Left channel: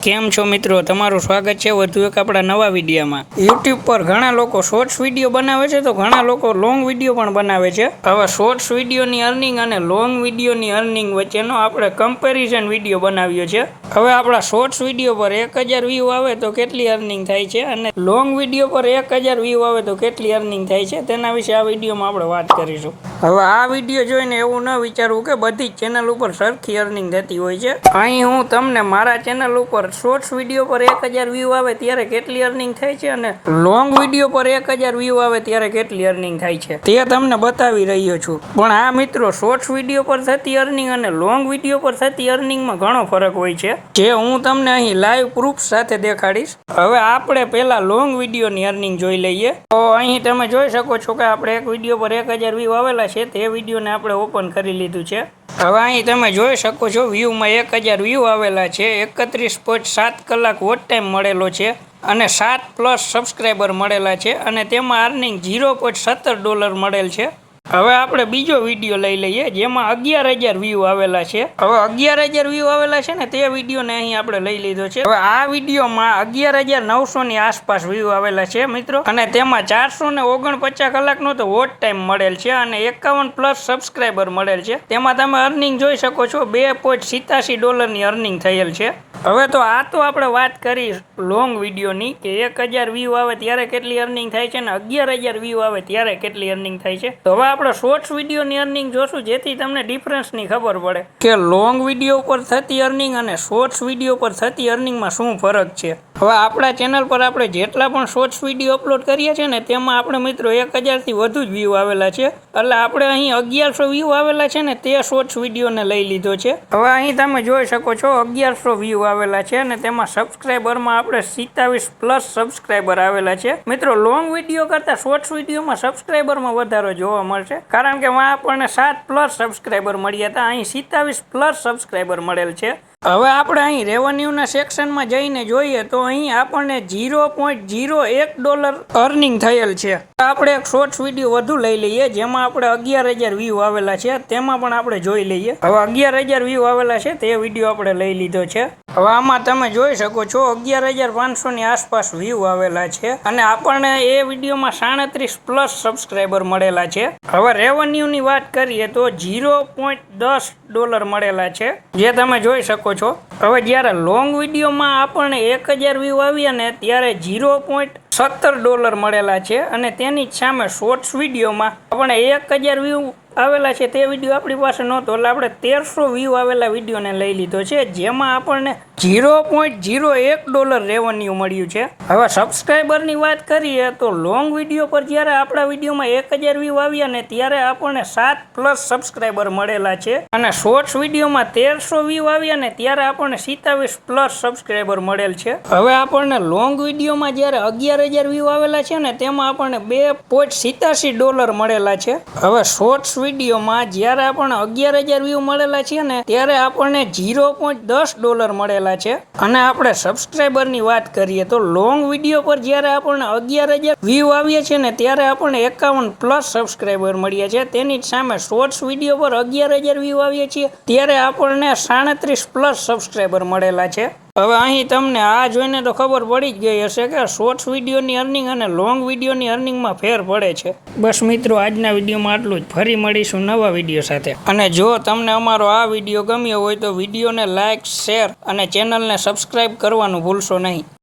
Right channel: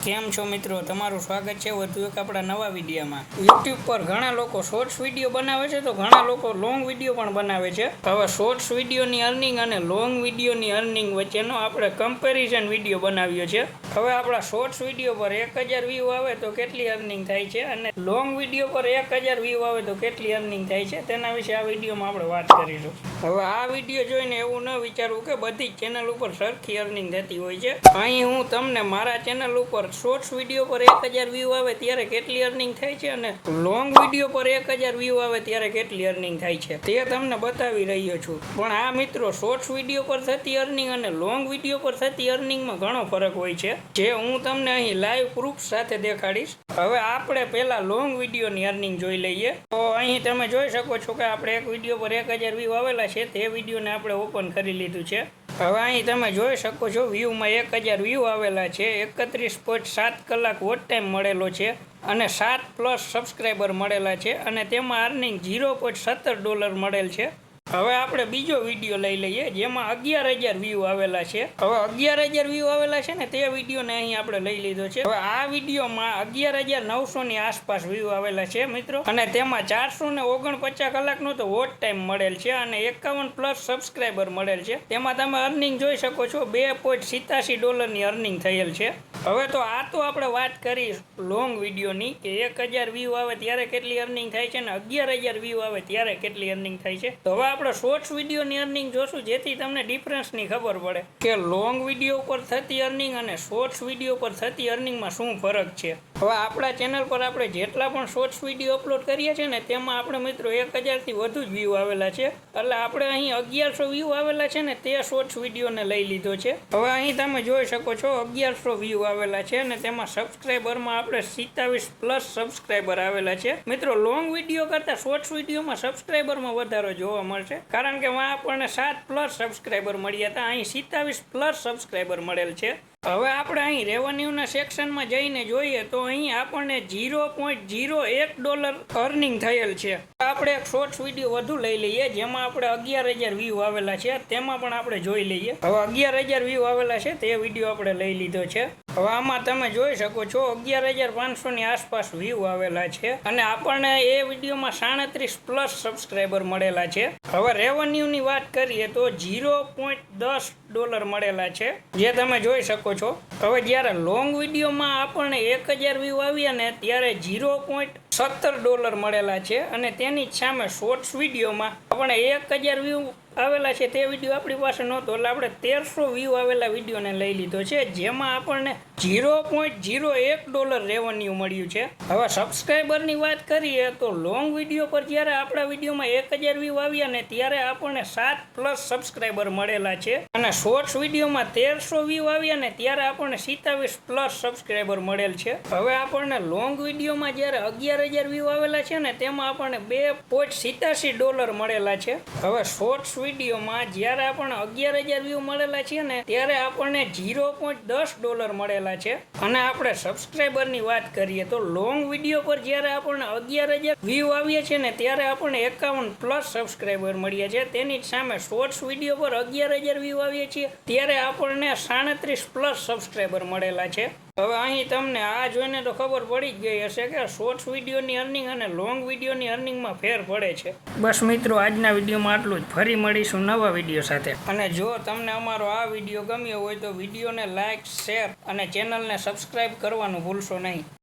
કેમ છો મિત્રો, તમારું સ્વાગત છે વધુ એક આપણા નવા વિડીયોમાં। યુટ્યુબ પર ઘણા લોકો શોર્ટ્સ વિડીયો બનાવે છે તો ઘણા લોકો લોંગ વિડીયો પણ બનાવે છે। હવે શોર્ટ્સ વિડીયોની અર્નિંગ અને લોંગ વિડીયોની અર્નિંગ વચ્ચેનો આપણે કમ્પેરિઝન વિડીયો બનાવ્યો છે। હવે આપણા શોર્ટ્સ વિડીયો પર 1000 વ્યૂ આવે તો કેટલી અર્નિંગ થાય છે અને લોંગ વિડીયો પર 1000 વ્યૂ આવે તો કેટલી અર્નિંગ થાય છે તેના વિશે આ વિડીયોમાં આપણે વાત કરીશું। હવે આ વિડીયો જોઈને એવું ન વિચારવું કે બધી જ ચેનલ ઉપર સરખી અર્નિંગ થતી હોય છે। અહીં હું તમને મારા ચેનલ ઉપર શોર્ટ્સ વિડીયો પર 1000 વ્યૂ આવે ત્યારે કેટલી અર્નિંગ થાય છે અને લોંગ વિડીયો પર 1000 વ્યૂ આવે ત્યારે કેટલી અર્નિંગ થાય છે તે તમને બતાવી રહ્યો છું। પણ આ મિત્રો શોર્ટ્સ વિડીયો પર થતી અર્નિંગ અને લોંગ વિડીયો પર થતી અર્નિંગમાં ઘણો ફરક હોય છે, જે હું તમને અહીં લાઈવ પ્રૂફ સાથે દેખાડીશ। હવે આપણે પહેલા લોંગ વિડીયોની અર્નિંગ જોઈ લઈએ। તો અહીં તમે જોઈ શકો છો કે આપણે એક વિડીયો પર 1000 વ્યૂ આવેલા છે, તે વિડીયોને આપણે ઓપન કરી લીધું છે। હવે અહીં તમે જોઈ શકો છો વ્યૂમાં 1000 વ્યૂ આવેલા છે, 31.7 કલાક વોચ ટાઈમ મળેલો છે અને 7+ સબસ્ક્રાઈબર મળેલા છે અને તેમાં અર્નિંગ $0.17 મળેલ છે। હવે આપણે બીજો વિડીયો લઈ લઈએ જેમાં 11000 વ્યૂ આવેલા છે। હવે 11000 વ્યૂ આવેલા છે ને તે વિડીયોને અહીં આપણે લઈ લીધો છે। હવે આ વિડીયોમાં 11900 ની આસપાસ વ્યૂ આવેલા છે મિત્રો, અને તેમાં 449 કલાકનો તો વોચ ટાઈમ મળેલ છે અને 51+ સબસ્ક્રાઈબર મળેલ છે। તેમાં તમે અર્નિંગ જોઈ શકો છો $2.87 ની અર્નિંગ થયેલ છે। હવે તો આ તો આપણે વાત કરી લોંગ વિડીયોની કે 1000 વ્યૂ આવે ત્યારે કેટલી અર્નિંગ થાય છે અને 11000 વ્યૂ આવે ત્યારે કેટલી અર્નિંગ થાય છે। તો હવે આપણે શોર્ટ્સ વિડીયોની અર્નિંગ જોશું, જેથી તમને ડિફરન્સની ખબર પડે કે લોંગ વિડીયો ઉપર થતી અર્નિંગ અને શોર્ટ્સ વિડીયો પર થતી અર્નિંગમાં શું ફરક છે। હવે આપણા ચેનલ પર આપણે જેટલા પણ શોર્ટ્સ વિડીયો અપલોડ કરીએ છીએ ને તેમાં આપણે મિત્રો 1000 થી વધુ જ વ્યૂ આવેલા છે, એટલે આપણે અહીં 1100 વ્યૂ આવેલા છે ને તે શોર્ટ્સ વિડીયોને લઈ લીધો છે। હવે અહીં તમે જોઈ શકો છો 1100 વ્યૂ આવેલા છે અને તેમાં સબસ્ક્રાઈબરમાં આપણે 27+ સબસ્ક્રાઈબર આવેલા છે। મિત્રો લોંગ વિડીયો કરતા શોર્ટ્સ વિડીયોમાં સબસ્ક્રાઈબરમાં વધારો જોવા મળશે, કારણ કે માં આપણને 7+ સબસ્ક્રાઈબર મળ્યા હતા, અહીં 27+ સબસ્ક્રાઈબર મળેલ છે। હવે આપણે અહીં રેવન્યુના સેક્શનમાં જઈને જોઈએ તો અહીં આપણને $0.01 અર્નિંગ થયેલ છે। આપણે એક શોર્ટ્સ વિડીયો વધુ લઈ લઈએ જેમાં આપણે 11000 વ્યૂ આવેલા છે, તેમાં પણ આપણે જોઈ લઈએ। હવે 11000 વ્યૂ આવેલા છે તે વિડીયો આપણે લઈ લીધો છે। હવે આમાં તમે જોઈ શકો છો 11500 ની આસપાસ વ્યૂ આવેલા છે અને આપણને એ વિડીયોમાં 37+ સબસ્ક્રાઈબર મળેલા છે। હવે રેવન્યુની વાત કરીએ તો $0.10 મળેલા છે, જે તમે જોઈ શકો છો। હવે જ્યારે લોંગ વિડીયોમાં આપણને 1000 વ્યૂ આવ્યા ને ત્યારે $0.17 મળેલા છે અને તેની જ સામે શોર્ટ્સ વિડીયોમાં આપણે 1000 વ્યૂ આવેલા છે તે વિડીયો આપણી પાસે નહોતો, એટલે આપણે 1300 વ્યૂ આવેલા વિડીયોને લઈ લીધો છે, જેમાં આપણને $0.01 રેવન્યુ મળ્યું છે। હવે સબસ્ક્રાઈબરની વાત કરીએ તો લોંગ વિડીયો પર જ્યારે આપણા વિડીયોમાં 1000 વ્યૂ આવ્યા ને ત્યારે આપણને 7+ સબસ્ક્રાઈબર મળેલા છે અને શોર્ટ્સ વિડીયોમાં 1300 વ્યૂ આવ્યા ને ત્યારે આપણને 27+ સબસ્ક્રાઈબર મળેલ છે। હવે આપણને લોંગ વિડીયોમાં જ્યારે 11000 વ્યૂ આવેલા છે ને તેમાં આપણને $2.87 મળેલા છે। હવે શોર્ટ્સ વિડીયોમાં જ્યારે આપણને 11000 વ્યૂ મળેલા છે ને ત્યારે આપણને $0.10 મળેલા છે। અને આપણે સબસ્ક્રાઈબરની વાત કરીએ તો લોંગ વિડીયો પર જ્યારે આપણને 11000 વ્યૂ આવ્યા છે ને ત્યારે આપણને 51+ સબસ્ક્રાઈબર મળ્યા છે, તેની જ સામે શોર્ટ્સ વિડીયો પર 11000 વ્યૂ આવ્યા છે ત્યારે આપણને 37+ સબસ્ક્રાઈબર મળેલા છે। હવે અહીં તમને આ જોઈને તો ખબર પડી જ ગઈ હશે કે શોર્ટ્સ વિડીયોની અર્નિંગ અને લોંગ વિડીયોની અર્નિંગમાં ફેર પડે છે। બસ મિત્રો, આજના વિડીયોમાં આટલું જ, ફરી મળીશું નવા વિડીયો સાથે। અને જો તમને અમારો આ વિડીયો ગમ્યો હોય તો વિડીયોને લાઇક, શેર અને ચેનલને સબસ્ક્રાઈબ કરવાનું ભૂલશો નહીં।